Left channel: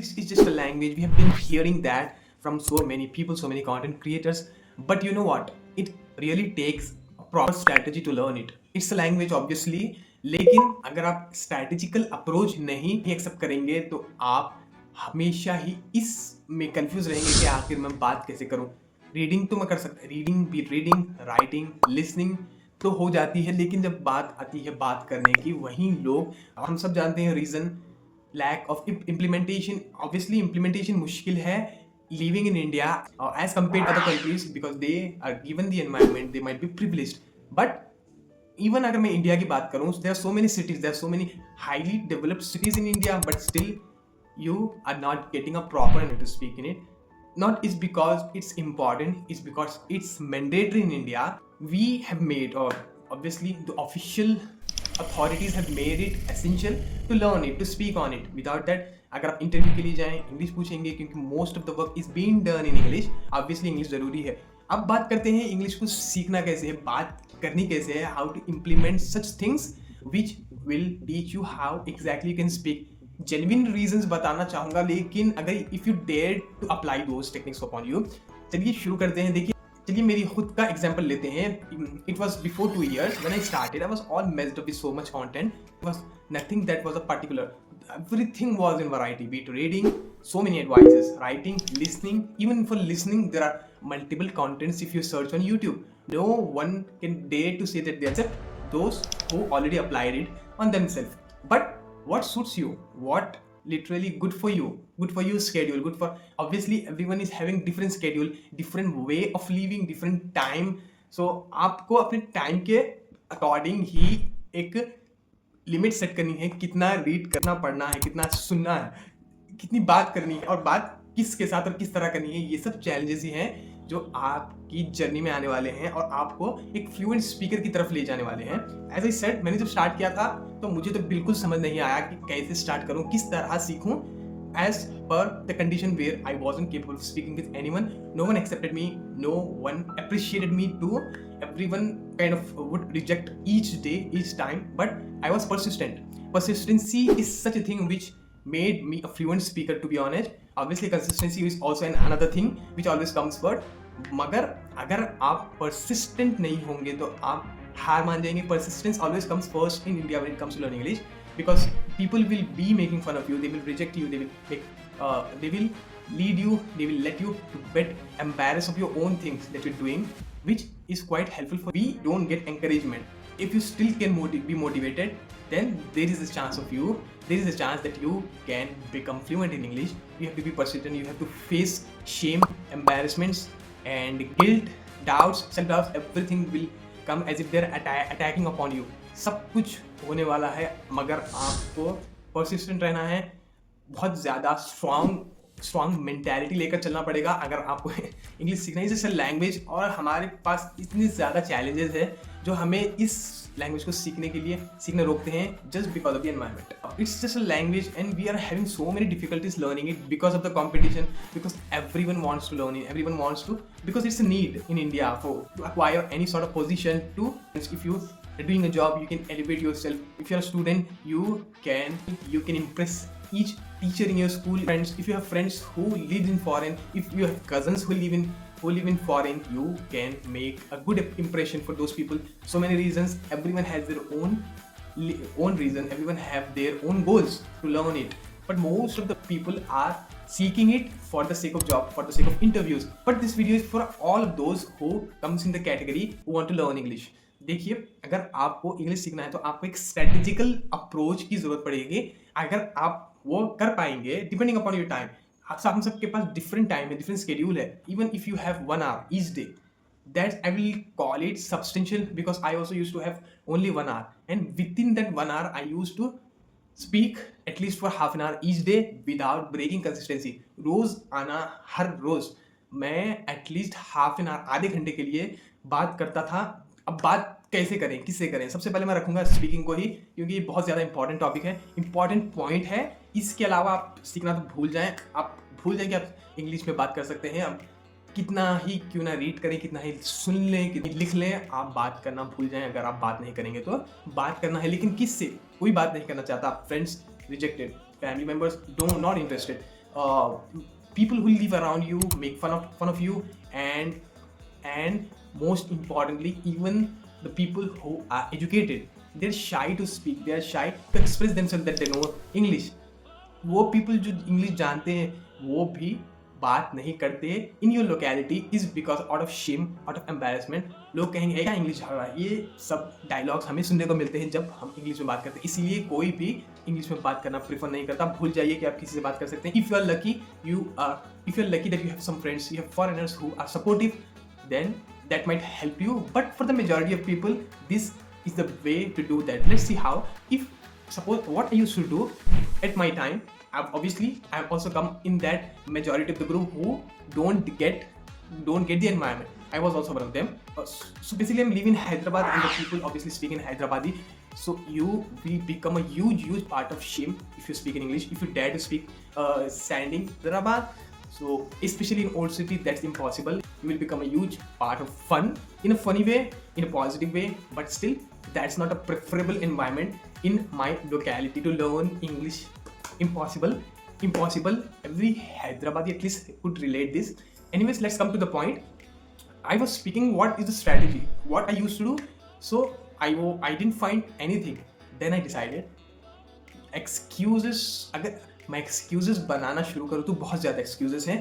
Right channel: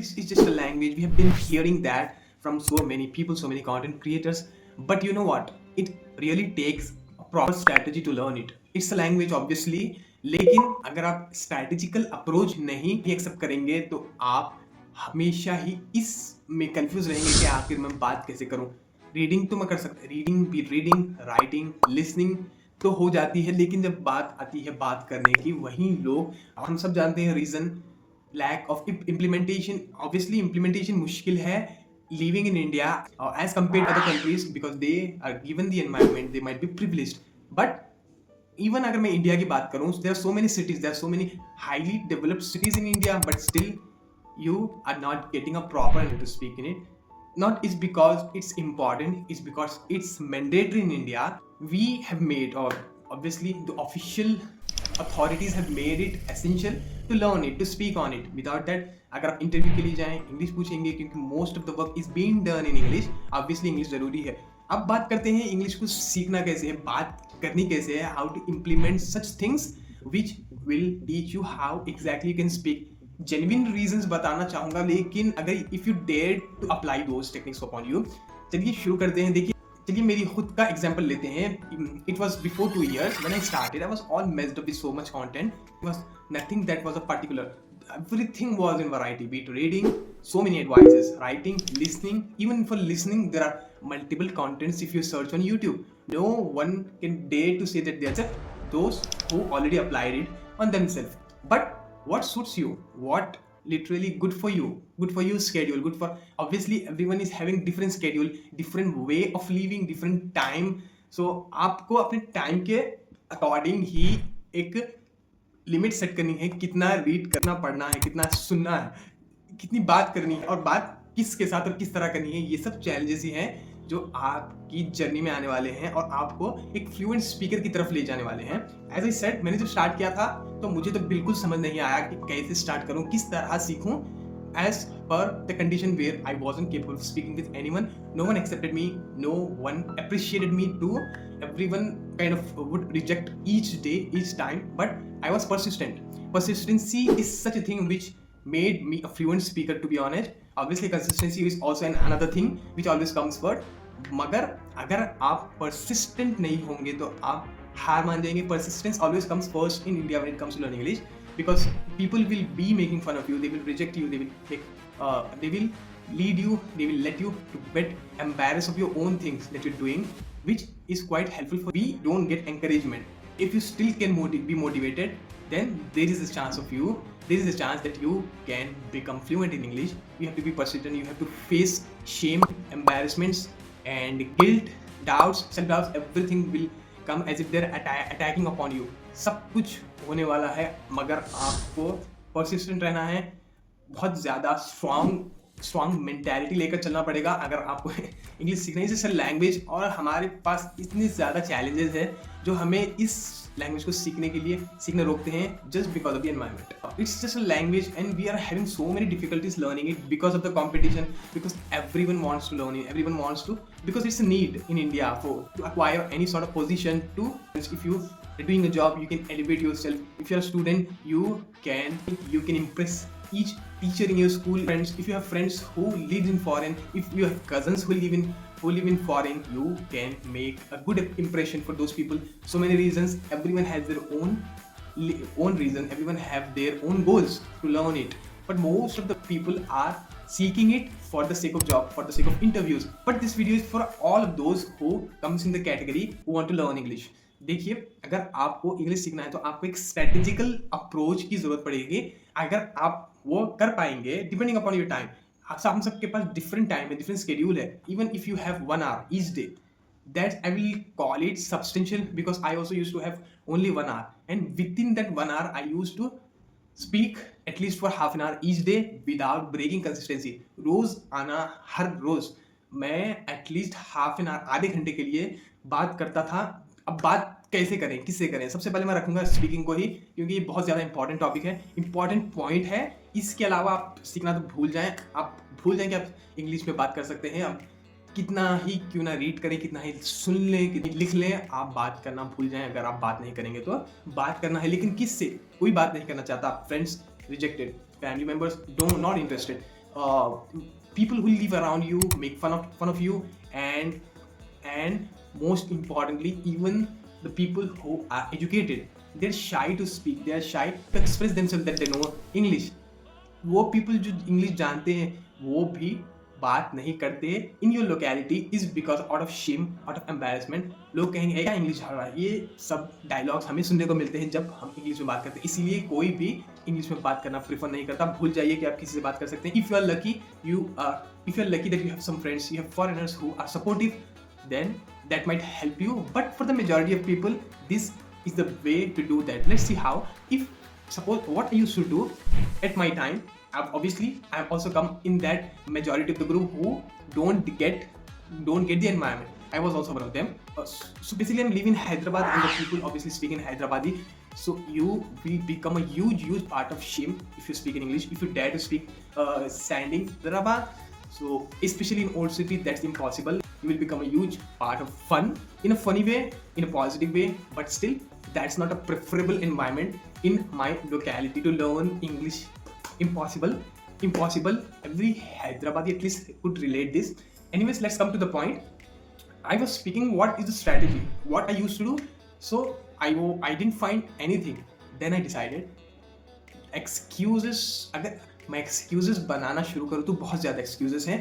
English is just a language. We have been hearing that from so many people, so many content creators. But you know what? It really takes a proper strategy to learn it. It's a language obviously, लेकिन अगर आप strategical approach नहीं accept करेंगे तो आप हमेशा ही इस में कंफ्यूज रहेंगे कि आखिर मैं बात कैसे करूं। रीडिंग तो मैं कर सकता, रीडिंग भी, रीडिंग, राइटिंग, लिसनिंग तो हो जाती है, लेकिन जब बात आती है बात करने की, वहीं लोग, हम सब जानते हैं reason, lack of implementation. Obviously implementation मुश्किल है living in India as compare to other countries, because they are given the environment, they might be privileged. But even अगर मैं इंडिया की बात करूं, there are so many cities, there are so many highly developed cities in India, but still you are not getting a proper English to speak in it. Not is because it's important, it's because it's mandatory in India. We have made, or obviously the official authorities have made it essential to learn it, to speak on it. Without that, अगर आप interview के लिए जाएं, English पूछेंगे, क्योंकि most of the work is being done in English. Obviously English जरूरी है। अब बात करते हैं इंग्लिश को सीखना कैसे है, बात करनी कैसे है, how to implement such things which will teach you how exactly you can speak. Genuine reasons बताना चाहूंगा, लेकिन अगर if you dare to apply those techniques upon you, चलिए शुरू करते हैं। देखिए, चलिए मेरी खुद का एग्जांपल लेते हैं। It was before 2 years when I started, I was all messed up with so much content. It was nothing that was a particular, everything was in variety, be it reading, so many advices, writing, listening. Even for listening, there are multiple contents if you search on YouTube. No one can dare to say that they are just those who already applied it on themselves. But what suits you, what literally good for you schedule, good for, obviously everyone is having different schedule, different way of living, different time. So आपको अपने time के according ही एक limit set करनी है, कितना read करना, पढ़ना है, कितना सुनना है, कितनी बात करनी है, और बात किसके साथ और किस तरह करनी है। ये सब चैलेंजेस ही हैं जो आपकी जर्नी में आने वाले हैं और आपको एक फ्लुएंट स्पीकर की तरफ ले जाने वाले हैं। एज आई सेड, मैंने जब स्टार्ट किया था तो मुझे तो बिल्कुल समझ नहीं आया कि कैसे स्टार्ट करूं, किस तरह सीखूं, as per the condition where I wasn't capable of speaking with anyone. No one accepted me, no one appreciated me too. Everyone kind of would reject each day, each time, but I was persistent. Persistency is such a thing which made me a fluent speaker, to be honest. Obviously consistency is also another thing which always comes first. मगर अगर आप persistent नहीं होंगे तो आप हार मान जाएंगे। Persistence always comes first in India when it comes to learning English, because people will be making fun of you, they will reject you, they will lead you, they will let you to get embarrassed of your own things that you're doing, which is quite helpful for. We don't get encouragement. If you still can be motivated, then there is a chance of you, there is a chance that you can become fluent in English. You have to be persistent, you have to face shame, embarrassments and guilt, doubts, self-doubts. Everything will come as if they're attacking upon you. सब कुछ होने वाला है, मगर आपको persistent रहना है, बहुत ज़्यादा स्ट्रॉन्ग मेंटालिटी लेकर चलना पड़ेगा अगर आपको इंग्लिश सीखना है। जैसे लैंग्वेज, और हमारे पास इतनी ज़्यादा चैलेंजेस है जो हमें इस लैंग्वेज को सीखने रोकते हैं, just because of the environment. It's just a language and we are having so many difficulties learning it because of the competition, because everyone wants to learn it, everyone wants to, because it's a need in India to acquire any sort of position. To, if you are doing a job, you can elevate yourself. If you're a student, you can impress each teacher in your school, friends. If you have friends who live in foreign, if you have cousins who live in foreign, you can make a good impression for those people. So many reasons, everyone has their own reason, everyone have their own goals to learn it, but most of the people are seeking it for the sake of job, for the sake of interviews. But this video is for all of those who comes in the category who want to learn English. देखिए, अगर आपको English सीखना है तो आपको एक strategical approach की जरूरत पड़ेगी। अगर आप वो कर पाएंगे, डिपेंडिंग अपॉन योर टाइम, हम सबके पास डिफरेंट टाइम है, डिफरेंट शेड्यूल है। Even if you have 1 hour each day, that I will call it substantial, because I also used to have only 1 hour, and within that 1 hour I used to speak at least for half an hour each day without breaking consistency. रोज आना, हर रोज मैं at least half an hour, आधे घंटे के लिए बात करता था। अब बात कैसे करें, किससे करें? सबसे पहले मैं रखूंगा स्पीकिंग को ही, क्योंकि ये बहुत ज़्यादा इंपॉर्टेंट टॉपिक है, इंपॉर्टेंट पॉइंट है। इसके अलावा आप सीखना तो भूल जाएं, आप भूल जाएं कि आप इंग्लिश में बात कर सकते हैं। आप कितना ही क्यों ना रीड करें, कितना ही सुन लें, कितनी लिख लें, आप बात करना भूल जाएं। अगर आप बात नहीं करेंगे तो बात करना है, लेकिन किससे? कोई बात नहीं करना चाहता, friends rejected, family members not interested, uh, people who live around you make fun of you, and most importantly, even the people who are educated, they're shy to speak, they're shy to express themselves that they know English. वो people जो English जानते हैं वो भी बात नहीं करते in your locality is because out of shame, out of embarrassment. लोग कहेंगे क्या इंग्लिश आ रहा है, ये सब डायलॉग्स हमें सुनने को मिलते हैं जब हम इंग्लिश में बात करते हैं। इसीलिए कोई भी इंग्लिश में बात करना प्रेफर नहीं करता। भूल जाइए कि आप किसी से बात कर सकते हैं। If you are lucky, if you are lucky that you have some friends, you have foreigners who are supportive, then that might help you. But for the majority of people, this is the way to do that. Let's see how. If suppose what I used to do at my time, I've also come in that majority of the group who don't get the environment. I was also one of them. So basically I'm living in Hyderabad and the people obviously speak in Hyderabadi. So you will become a huge part of shame if you speak in English, if you dare to speak standing Hyderabad. So especially in old city, that's impossible. You will become a huge part of fun, in a funny way, in a positive way, but still that's not a preferable environment in my locality to learn English. Impossible. Every Hyderabadi at least could relate this. Anyways, let's come to the point. I was speaking what is the strategy, what I used to do. So I didn't find anything. Then I decided excuses. अगर मैं excuses बनाना शुरू करूँ तो बहुत ज़्यादा excuses हैं।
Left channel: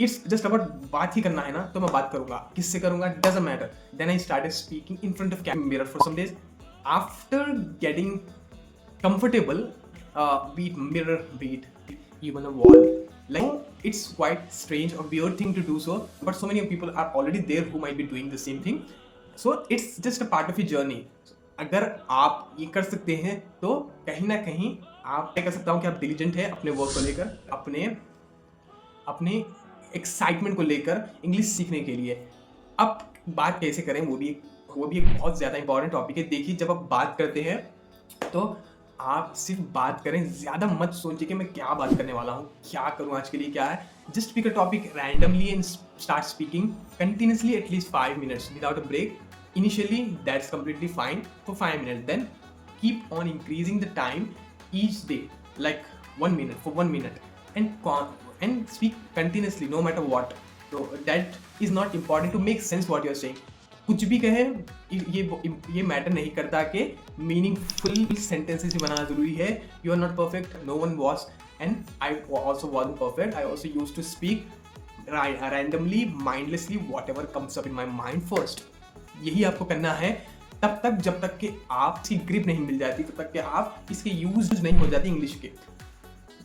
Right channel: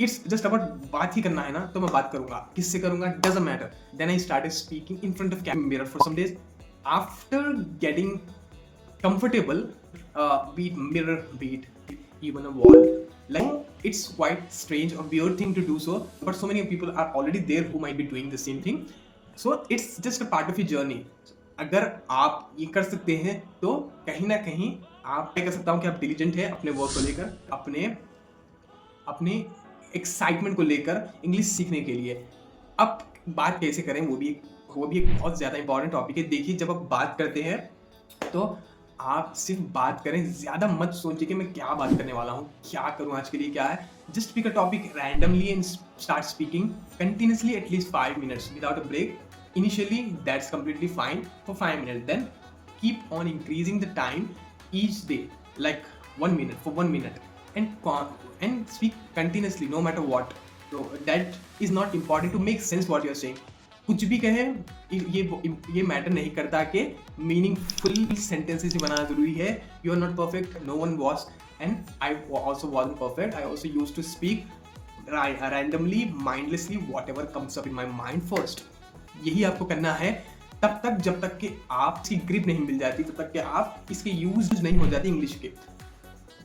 It's just about बात ही करना है ना, तो मैं बात करूँगा, किससे करूँगा doesn't matter. Then I started speaking in front of mirror for some days after getting comfortable, beat mirror, beat even a wall. Like it's quite strange or weird thing to do so, but so many people are already there who might be doing the same thing. So it's just a part of your journey. अगर आप ये कर सकते हैं तो कहीं ना कहीं आप, मैं कह सकता हूँ कि आप डिलीजेंट है अपने वर्क को लेकर, अपने एक्साइटमेंट को लेकर इंग्लिश सीखने के लिए। अब बात कैसे करें, वो भी एक बहुत ज़्यादा इंपॉर्टेंट टॉपिक है। देखिए, जब आप बात करते हैं तो आप सिर्फ बात करें, ज़्यादा मत सोचिए कि मैं क्या बात करने वाला हूँ, क्या करूँ आज के लिए, क्या है। Just pick a topic randomly and start speaking continuously at least 5 minutes without a break. Initially, that's completely fine for 5 minutes. Then keep on increasing the time each day, like 1 minute for 1 minute, and speak continuously no matter what. So that is not important to make sense what you are saying. कुछ भी कहें ये matter नहीं करता कि meaningful sentences बनाना जरूरी है। You are not perfect, no one was, and I also wasn't perfect. I also used to speak randomly, mindlessly, whatever comes up in my mind first. यही आपको करना है तब तक, जब तक कि आपकी ग्रिप नहीं मिल जाती, तब तक कि आप इसके यूज नहीं हो जाती इंग्लिश के।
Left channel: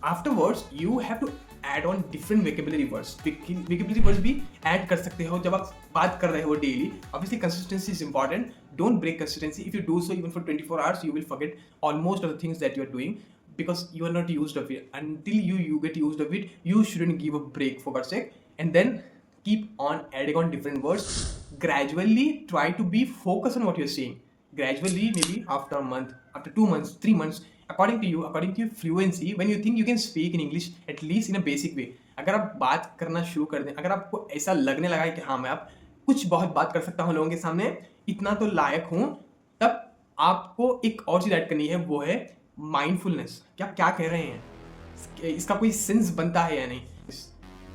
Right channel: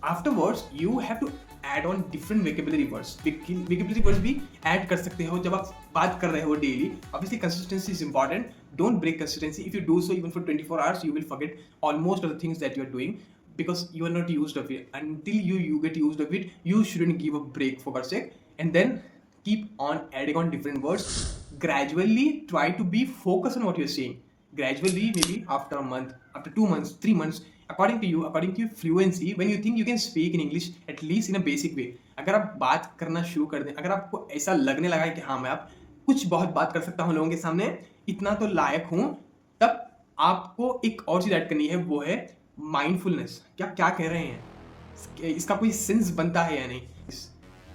Afterwards you have to add on different vocabulary words. Vocabulary words भी ऐड कर सकते हो जब आप बात कर रहे हो daily. Obviously consistency is important, don't break consistency. If you do so even for 24 hours, you will forget almost of the things that you are doing because you are not used of it. Until you get used of it, you shouldn't give a break for God's sake. And then keep on adding on different words. Gradually try to be focused on what you're saying. Gradually, maybe after a month, after 2 months, 3 months, according to your fluency, when you think you can speak in English at least in a basic way. अगर आप बात करना शुरू कर दें, अगर आपको ऐसा लगने लगा है कि हाँ मैं आप कुछ बहुत बात कर सकता हूँ लोगों के सामने, इतना तो लायक हूँ, तब आपको एक और चीज़ ऐड करनी है, वो है माइंडफुलनेस। क्या कह रहे हैं, इसका कोई सेंस बनता है या नहीं।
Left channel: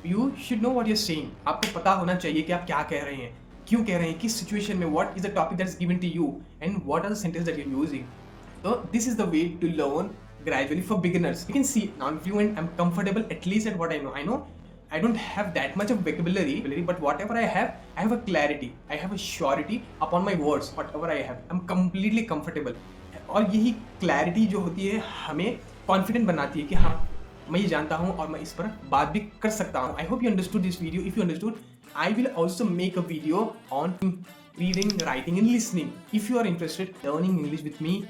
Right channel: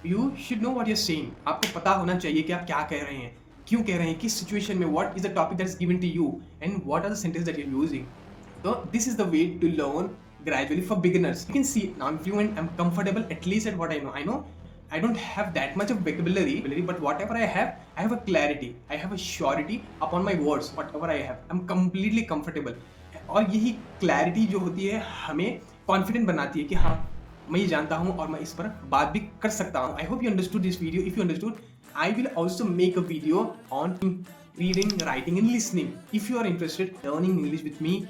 You should know what you are saying. आपको पता होना चाहिए कि आप क्या कह रहे हैं, क्यों कह रहे हैं, किस सिचुएशन में, what is the topic that is given to you and what are the sentence that you are using. So this is the way to learn gradually for beginners. You can see now I'm fluent, I'm comfortable at least at what I know. I know I don't have that much of vocabulary, but whatever I have a clarity, I have a surety upon my words. Whatever I have, I'm completely comfortable. और यही clarity जो होती है हमें confident बनाती है कि हाँ मैं ये जानता हूँ और मैं इस पर बात भी कर सकता हूँ। I hope you understood this video. If you understood, I will also make a video on reading, writing and listening. If you are interested in learning English with me,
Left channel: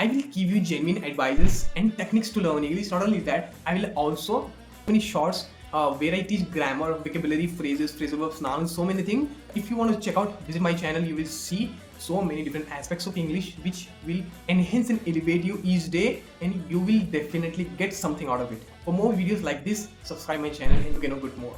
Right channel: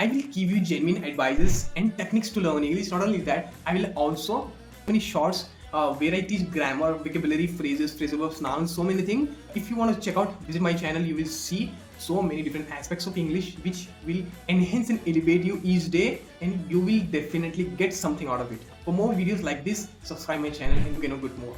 I will give you genuine advices and techniques to learn English. Not only that, I will also many shorts where I teach grammar, vocabulary, phrases, phrasal verbs, nouns, so many things. If you want to check out, visit my channel. You will see so many different aspects of English which will enhance and elevate you each day, and you will definitely get something out of it. For more videos like this, subscribe my channel and you can know good more.